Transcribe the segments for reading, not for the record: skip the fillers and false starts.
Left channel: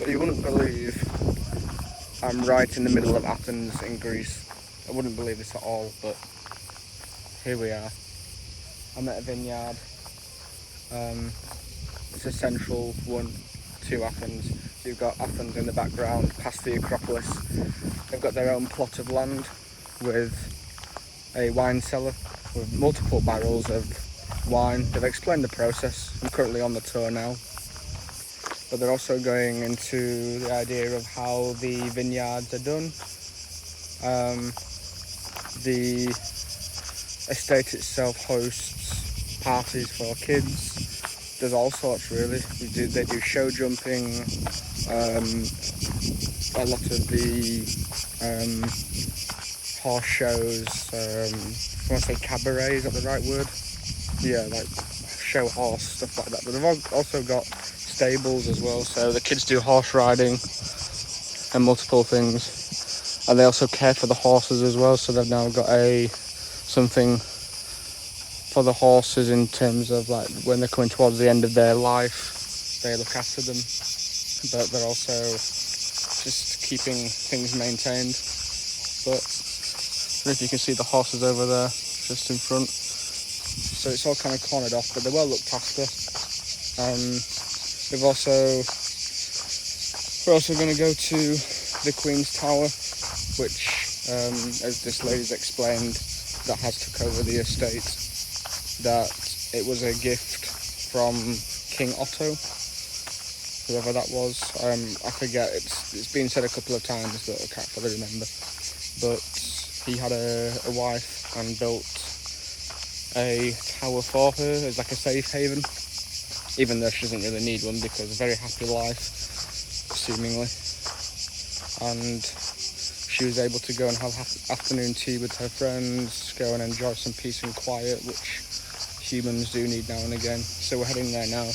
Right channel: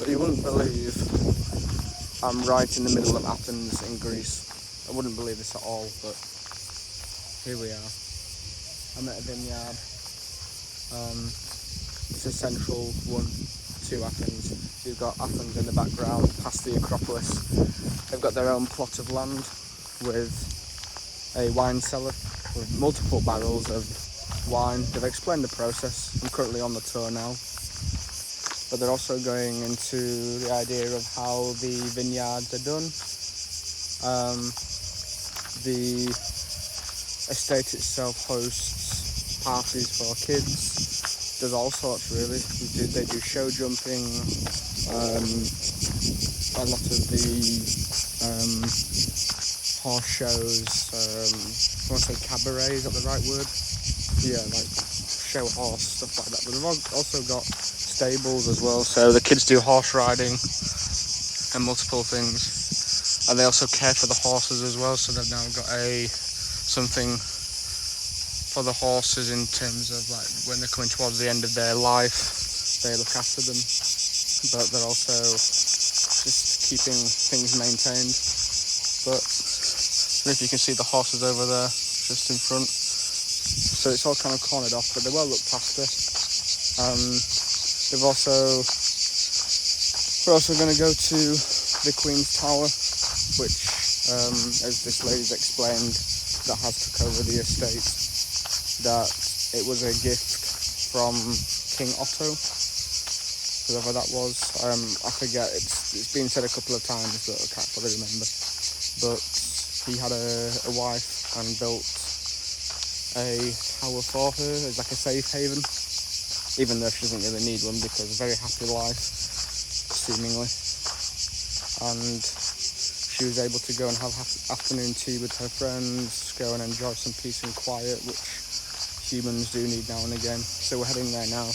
So you wouldn't believe I'm right in the middle of Athens in Greece. I wouldn't believe this at all, but here we are. I'm at a vineyard. It's a central one to Athens. You've got Athens in the background, past the Acropolis. They've got their own plot of land with a wine cellar with multiple barrels of wine. They've explained the process. I'm currently on the tour now. But they're also going into the idea of how the vineyards are done. The estate itself hosts parties for kids. Does all sorts really. They do show jumping. A lot of the horse shows. I want to say cabaret, is that the right word? Yeah, like show horse, stuff like that. But they've also got stables as well, so the kids do horse riding and multiple things, and they also care for the horses as well, so they've now got something for the horses in terms of like when they're coming towards the end of their life, they look after them, but they're also just keeping things maintained. But I don't know if you can see the horses over there just in front, so it's all kind of cornered off, but they're well looked after. We're also going to go to the Queen's Tower, which, as this lady's explained, that has took over the estate, that it was a gift from King Otto, whoever that was. I forget, it's been said a couple of times, but I can't fully remember. But he had a wife and built a tower for her as like a safe haven, even though she doesn't really need one, because a very happy life, seemingly. And she was able to go and have afternoon tea with her friends, go and enjoy some peace and quiet, which humans do need now and again. So we're heading there now,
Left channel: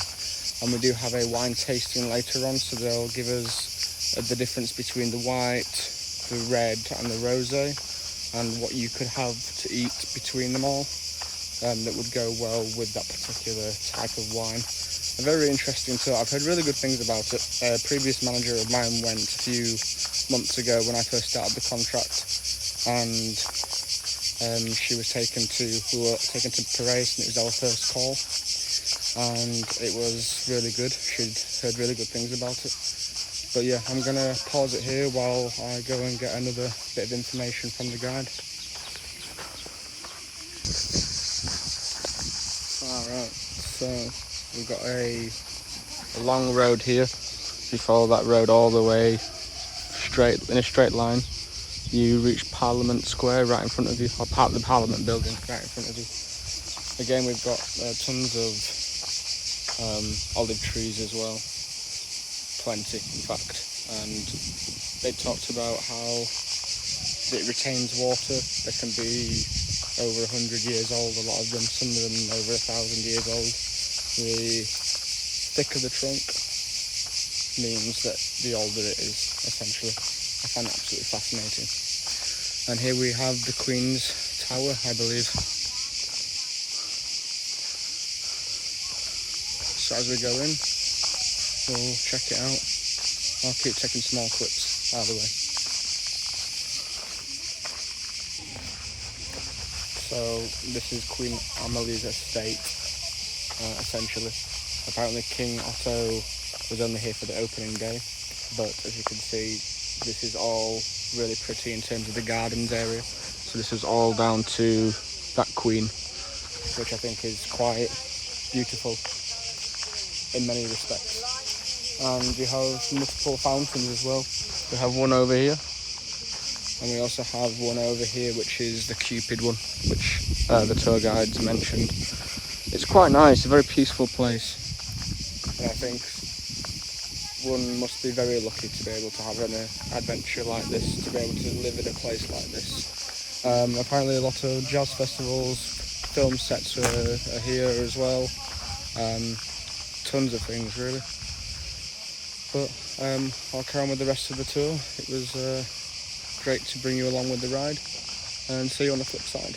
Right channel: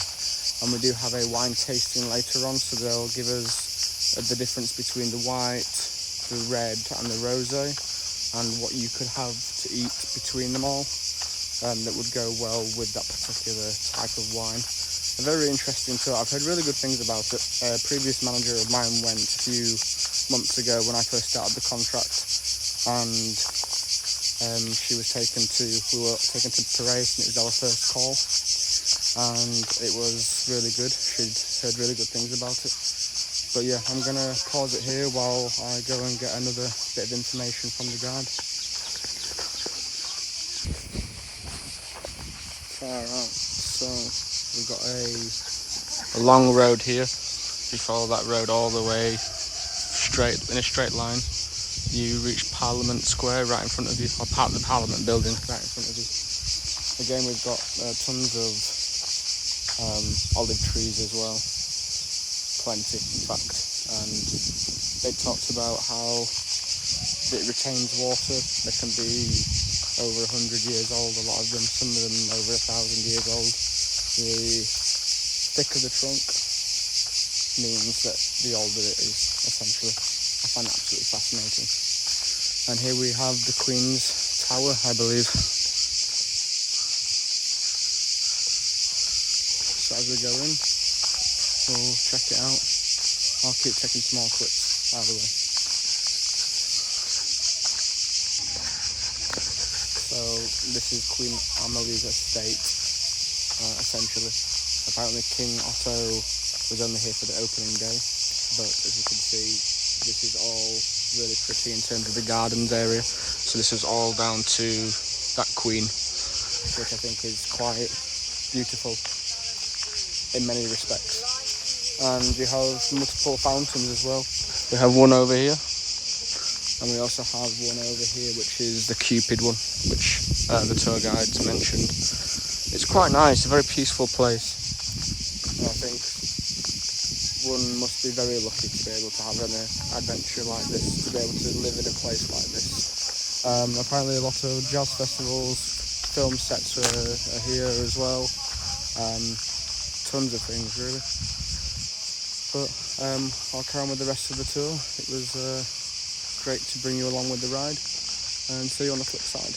and we do have a wine tasting later on, so they'll give us the difference between the white, the red and the rosé, and what you could have to eat between them all, that would go well with that particular type of wine. A very interesting tour. I've heard really good things about it. A previous manager of mine went a few months ago when I first started the contract, and we were taken to Piraeus, and it was our first call, and it was really good. She'd heard really good things about it. But yeah, I'm going to pause it here while I go and get another bit of information from the guide. Alright, so we've got a long road here. If you follow that road all the way in a straight line, you reach Parliament Square right in front of you, or part of the Parliament building right in front of you. Again, we've got tons of olive trees as well, plenty in fact, and they talked about how it retains water. They can be over 100 years old, a lot of them, some of them over 1,000 years old. The thicker the trunk means that the older it is, essentially. I find that absolutely fascinating. And here we have the Queen's Tower, I believe. So as we go in, we'll check it out. I'll keep taking small clips out of the way. So this is Queen Amalia's estate, essentially. Apparently King Otto was only here for the opening day, but as you can see, this is all really pretty in terms of the gardens area. So this is all down to that queen, which I think is quite beautiful in many respects. And we have multiple fountains as well. We have one over here, and we also have one over here, which is the Cupid one, which the tour guides mentioned. It's quite nice, a very peaceful place, and I think one must be very lucky to be able to have an adventure like this, to be able to live in a place like this. Apparently a lot of jazz festivals, film sets are here as well, tons of things really. But I'll carry on with the rest of the tour. It was great to bring you along with the ride, and see you on the flip side.